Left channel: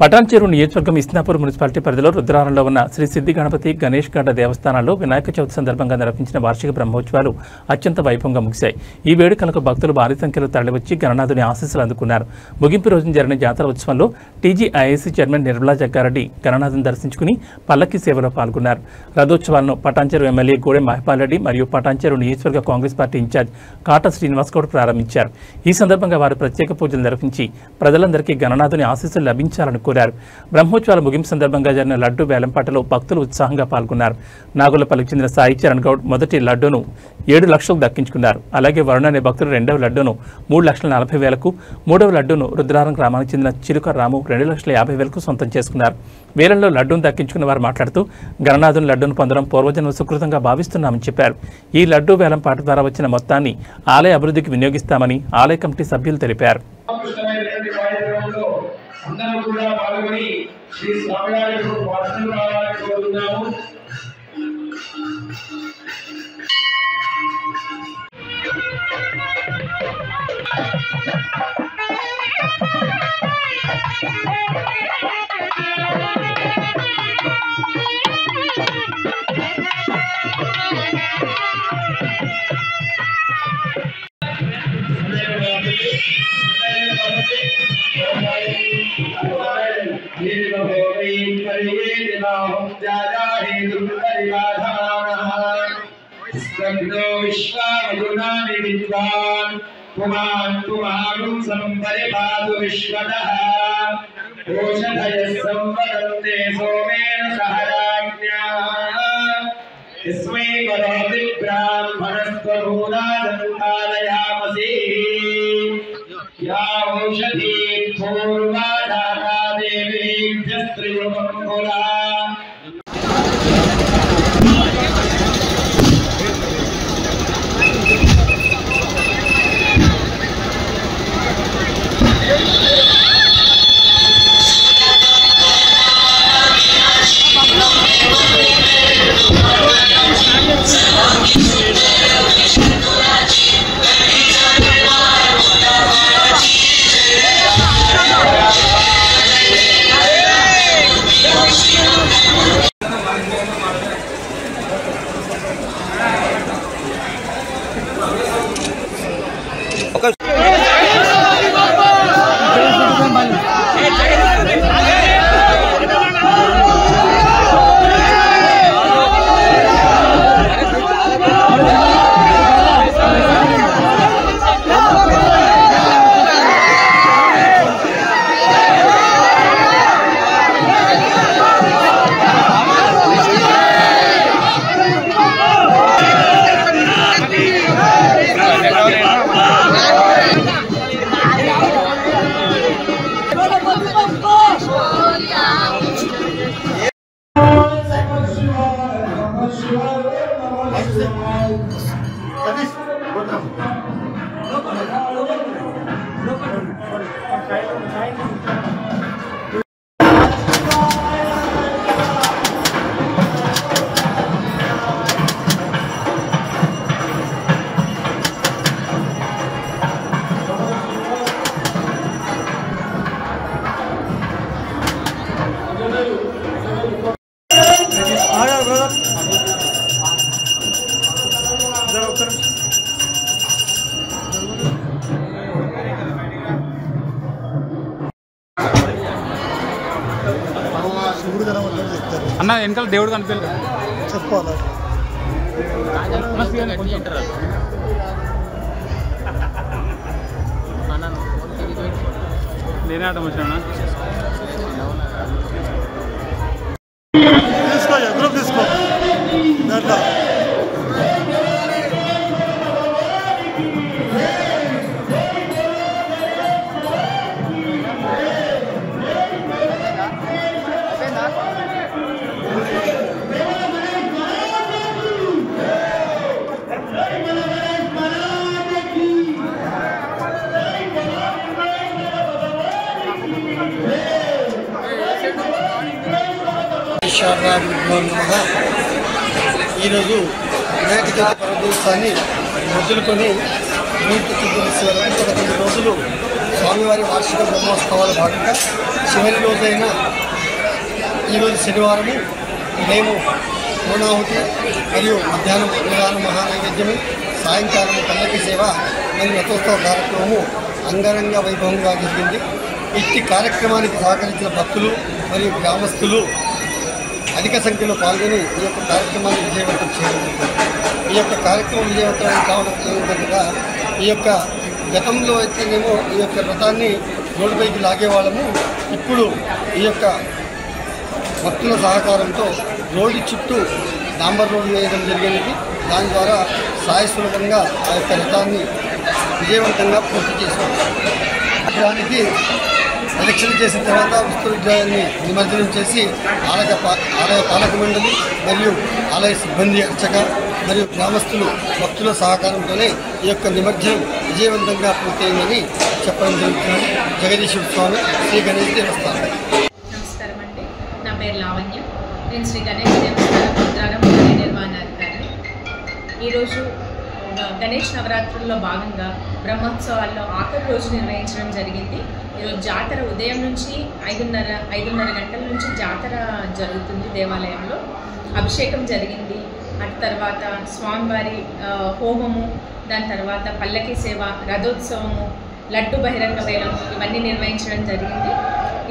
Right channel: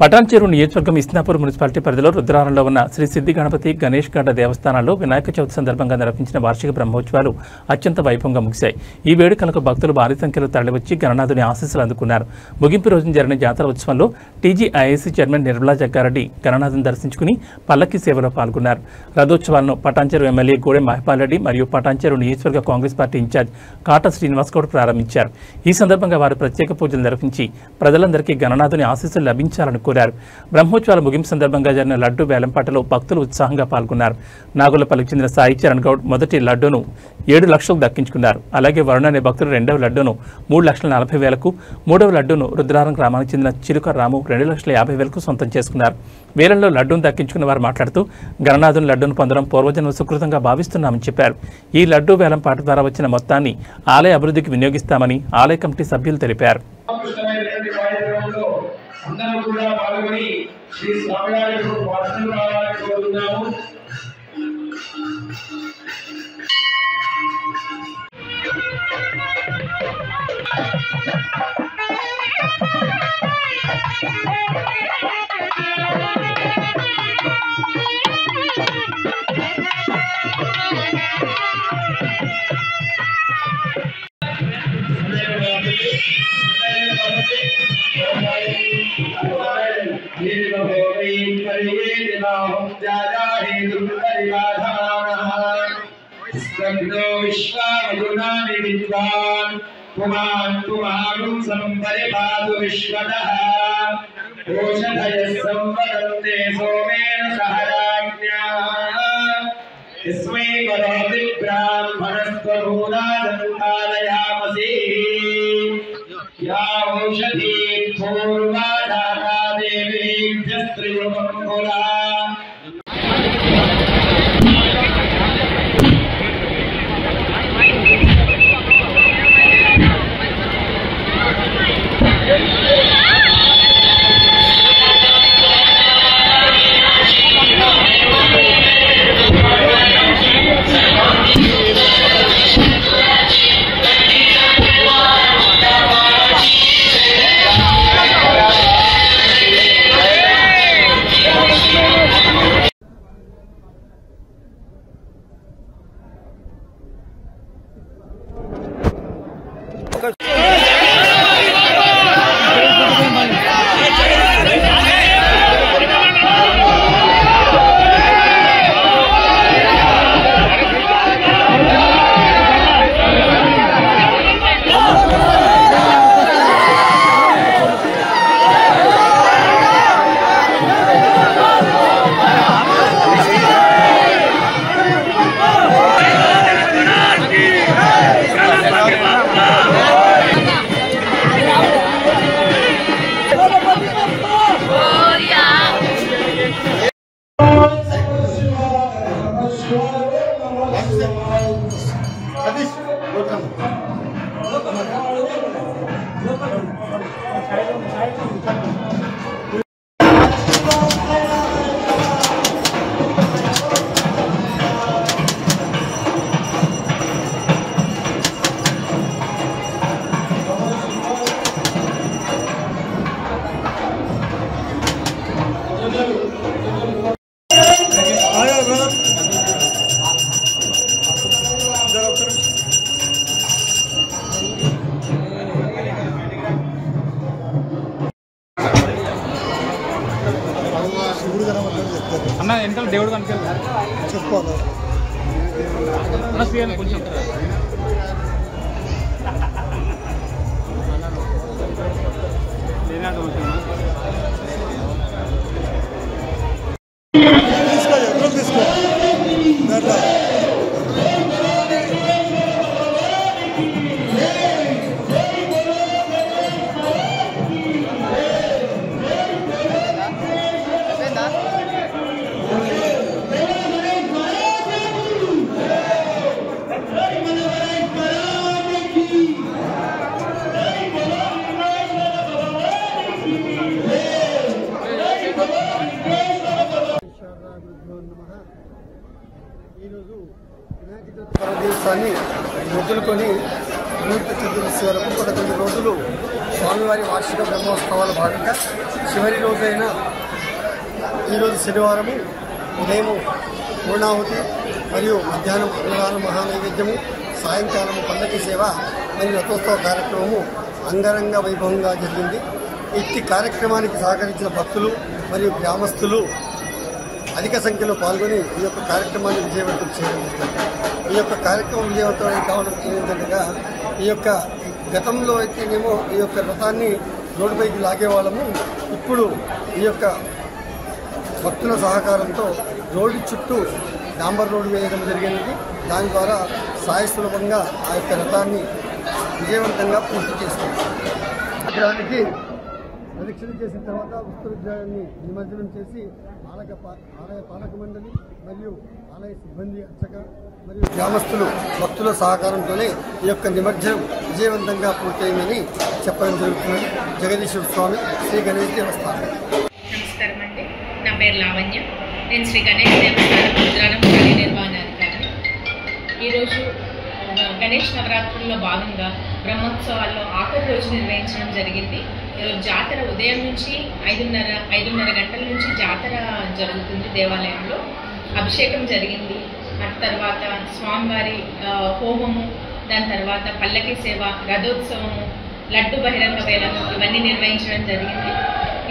పటాన్చెరు నియోజకవర్గం ఇస్నాపూర్ మున్సిపాలిటీ పరిధిలో రుద్రారంలో ఉన్న శ్రీ సిద్ధి గణపతి గణేష్ గడ్డ దేవస్థానాల్లో వినాయక చవితి సందర్భంగా నిర్వహించిన వార్షిక బ్రహ్మోత్సవాలు అత్యంత వైభవంగా ముగిశాయి. ఈ వేడుకలకు భక్తులు భారీ సంఖ్యలో తరలివచ్చి గణనాథుని ఆశీస్సులు అందుకున్నారు. ముగింపు రోజున జరిగిన జాతర ఉత్సవంలో టీజీఐఐసీ చైర్మన్ నిర్మలా జగ్గారెడ్డి గణనాథుని దర్శించుకుని పల్లకి సేవలో పాల్గొన్నారు. రథోత్సవాలను పటాన్చెరు ఎమ్మెల్యే గూడెం మహిపాల్ రెడ్డి మరియు పటాన్చెరు నియోజకవర్గ కాంగ్రెస్ పార్టీ ఇన్ఛార్జ్ కాటా శ్రీనివాస్ గౌడ్ ప్రారంభించారు. ఈ సందర్భంగా వారు ప్రత్యేక పూజలు నిర్వహించి ప్రజలందరికీ గణనాథుని ఆశీస్సులు లభించాలని కోరారు. బ్రహ్మోత్సవాల ముగింపు సందర్భంగా జరిగిన లడ్డు వేలంపాటలో భక్తులు ఉత్సాహంగా పాల్గొన్నారు. నాగులపల్లికి చెందిన సాయి చరణ్ గౌడ్ మొదటి లడ్డూను 7 లక్షలకు దక్కించుకున్నారు. అలాగే వరుణ్ అనే భక్తులు రెండవ లడ్డూను 3,40,000కు, మూడవ లడ్డూను రుద్రారం గ్రామానికి చెందిన చిలుక రాము 2,50,000కు సొంతం చేసుకున్నారు. వేలంలో లడ్డూను దక్కించుకున్న వారు మాట్లాడుతూ గణనాథుని లడ్డూను పొందడం పూర్వజన్మ సుకృతంగా భావిస్తున్నామని చెప్పారు. ఈ లడ్డూ వేలంపాట ద్వారా వచ్చిన మొత్తాన్ని ఆలయ అభివృద్ధికి వినియోగిస్తామని ఆలయ కమిటీ సభ్యులు తెలిపారు. అందరూ కూడా పాల్గొని శ్రీ స్వామివారికి వాసనలు రావాలని కోరుతున్నాము. विश्वावयुनानि विद्वान् पुमान् पुमानुं संपरिपातु विश्वतः ओषधयः संवदन्ते सोमेन सह राज्ञाः यस्मै करोति ब्राह्मणस्त्वभूतादन्तालयामसि या ओषधी पूर्वा दाता देवीभ्यस्त्रियुगम्बुला అన్న వెనకాల దేవుడు కనిపించాలి చెప్పాలి నేనే ఆటం వచ్చాను తీసుకో ఎదురు తీసుకో దాంట్లో ఈరోజు వినాయక చవితి పర్వదివసాన్ని మొదలుకొని 119 రోజులు స్వామివారి వార్షిక బ్రహ్మోత్సవాల భాగంగా చివరి రోజైన ఈరోజు శనివారం ఉదయం పూర్ణాహుతి మరియు మధ్యాహ్నం అన్నదానం మహానైవేద్యము, సాయంకాలం పల్లకి సేవ మరియు రథోత్సవ కార్యక్రమము అంగరంగ వైభవంగా జరిగింది. ఇట్టి కార్యక్రమానికి సహకరించిన భక్తులు మరియు గ్రామస్తులు అధిక సంఖ్యలో పాల్గొని ఈ యొక్క కార్యక్రమాన్ని విజయవంతం చేయడం. ఈ యొక్క కార్యక్రమం విజయవంతం కావడం ఏమిటంటే ఈ యొక్క గతంలో అయితేనేమో ఈ యొక్క రథాన్ని రోడ్డుపైకి లాగేవాళ్ళము. ఇప్పుడు ఈ యొక్క భక్తుల సహకారంతో రోడ్డు చుట్టూ డాంబర్ రోడ్డు వేయడం జరిగినది. దాని ద్వారా సాయస్వరూపంగా ఆ యొక్క రథాన్ని విజయవంతంగా పూర్తి చేశారు. దానికి ప్రదక్షిణ చేసిన తర్వాత విశ్వవిద్యాలయాన్ని నిమజ్జనం చేసి ఆలయ పాలక మండలి మరియు ఆలయ సిబ్బంది, అర్చక మరియు గ్రామస్తులు భక్తుల సహకారంతోనే ఈ యొక్క నిమజ్జనం విజయవంతంగా పూర్తయిందని చెప్పడం జరుగుతుంది. జగదీశ్వర స్వామి శ్రీ గణేష్ దేవస్థానం. నమస్కారం అండి, నా పేరు లావణ్య. నేను శ్రీ గణేష్ దేవస్థానం రుద్రారం కార్యనిర్వహణాధికారిని. ఈరోజు గణేష్ నవరాత్రుల్లో భాగంగా బ్రహ్మోత్సవాల్లో ఆఖరి రోజు నిర్వహించడం జరిగింది. ఈరోజు జాతర ఉదయం నుంచి 5:30 గంటల నుంచి జాతర జరుగుతుంది. దేవాలయంలో అభిషేకం జరిగింది. అటు తర్వాత స్వామివారి హోమము, దాని తర్వాత పల్లకి సేవ, రథోత్సవము, లడ్డు బహిరంగ వేలము ఇవన్నీ నిర్వహించడం జరిగింది.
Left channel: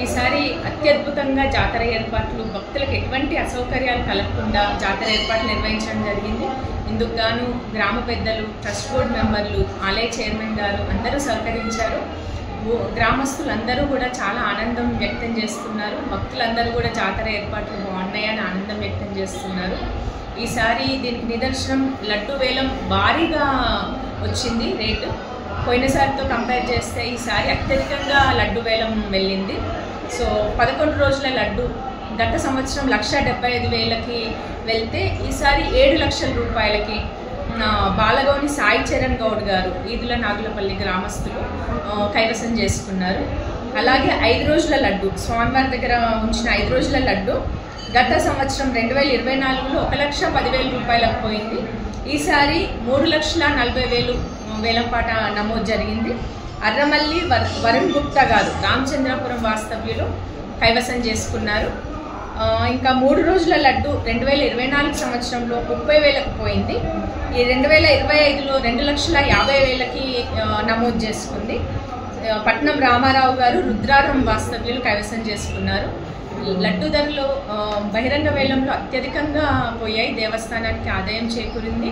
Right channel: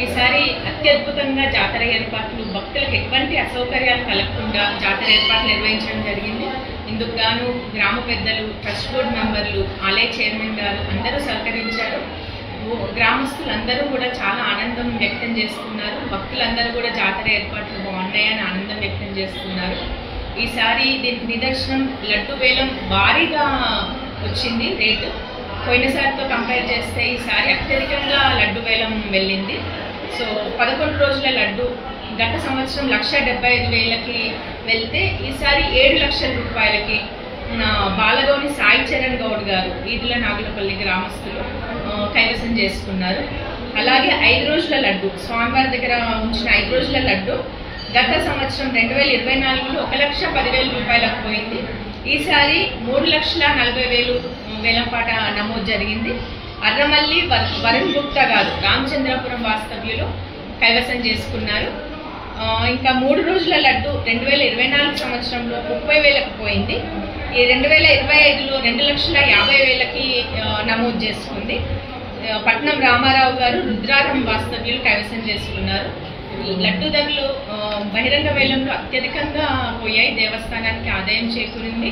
ఈసారి అత్యద్భుతంగా జాతర ఏర్పాట్లు, భక్తులకు ఎటువంటి అసౌకర్యాలు కలగకుండా జాతర ఏర్పాట్లు నిర్వహించడం జరిగింది. ఇందుకు గాను గ్రామ పెద్దలు, ట్రస్ట్ బోర్డు మెంబర్లు, ఆలయ చైర్మన్ గారు అందరూ సహకరించారు. గ్రామస్తులందరూ కూడా చాలా ఆనందం వ్యక్తం చేస్తున్నారు. భక్తులందరూ కూడా జాతర ఏర్పాట్లు బాగున్నాయని ఆనందం వ్యక్తం చేస్తున్నారు. ఈసారి దీనికి నిదర్శనం లడ్డు వేలం భారీగా వచ్చింది రేటు. పోయినసారితో కంపేర్ చేస్తే ఈసారి అత్యధికంగా లడ్డు వేలం వెళ్ళింది. సో 11 రోజుల లడ్డు గత సంవత్సరం 1,75,000కి వెళ్తే ఈసారి 7 లక్షల రూపాయలకి బాలగౌని సాయి చరణ్ గౌడ్ గారు ఈదుల నాగులపల్లి గ్రామస్తులు కైవసం చేసుకున్నారు. అలాగే 5 రోజుల లడ్డు, స్వామివారి దగ్గర ఉంచిన 5 రోజుల లడ్డు గత సంవత్సరం 2024లో 1,10,000 రూపాయలకు పోయింది. ఈసారి 3,40,000 వేలంపాట నమోదు జరిగింది. అర్రమల్లి వరుణ్ గుప్తా గారు రామచంద్రపురం వాస్తవ్యులు కైవసం చేసుకున్నారు. ఇంకా 3 రోజుల లడ్డు 2024 సంవత్సరంలో 30,000కు పోయింది. ఈ 2025లో 2,50,000కి నమోదు చేసుకుంది. పట్నం రామారావు గారు రుద్రారం వాస్తవ్యులు కైవసం చేసుకున్నారు. లడ్డు ధరలు బహిరంగ వేలంలో అత్యధికంగా పోయాయి. దేవస్థానానికి ఆదాయం చేకూరింది.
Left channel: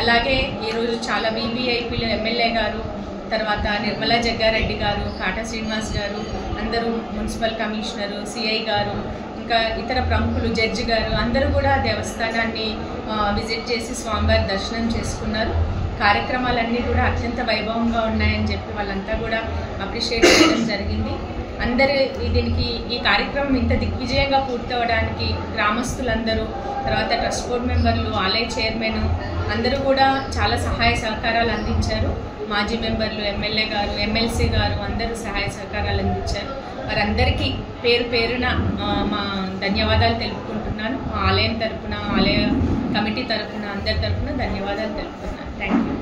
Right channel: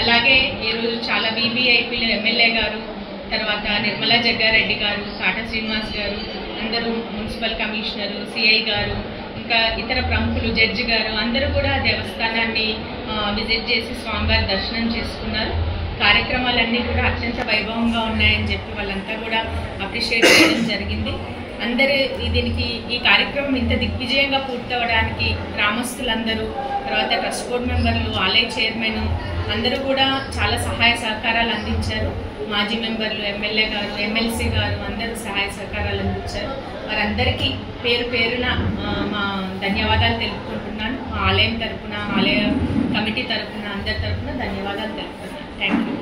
అలాగే ఈరోజు చాలా వీవీఐపీలు, ఎమ్మెల్యే గారు, తర్వాత నిర్మలా జగ్గారెడ్డి గారు, కాటా శ్రీనివాస్ గారు, అందరూ మున్సిపల్ కమిషనరు, సిఐ గారు, ఇంకా ఇతర ప్రముఖులు, జడ్జి గారు అందరూ కూడా దేవస్థానాన్ని విజిట్ చేసి స్వామివారి దర్శనం చేసుకున్నారు. కార్యక్రమాలన్నీ కూడా అత్యంత వైభవంగా ఉన్నాయని చెప్పి వాళ్ళంతా కూడా అప్రిషియేట్ చేయడం జరిగింది. అందరూ దీనికి ఈ కార్యక్రమం ఇంత దిగ్విజయంగా పూర్తవడానికి గ్రామస్తులందరూ, తర్వాత ట్రస్ట్ బోర్డు మెంబర్లు, ఆలయ చైర్మన్ అందరూ కూడా చాలా సహాయ సహకారాలు అందించారు. మాజీ మెంబర్లు, ఎమ్మెల్యే గారు, ఎమ్మెల్సీ గారు అందరూ సహాయ సహకారాలు అందించారు. వారందరికీ పేరు పేరున మా ధన్యవాదాలు తెలుపుకుంటున్నాను. మా ఆలయం తరపున, ఆలయ కమిటీ తరపున, అందరి తరపున ధన్యవాదాలు తెలుపుతున్నాను. Thank you.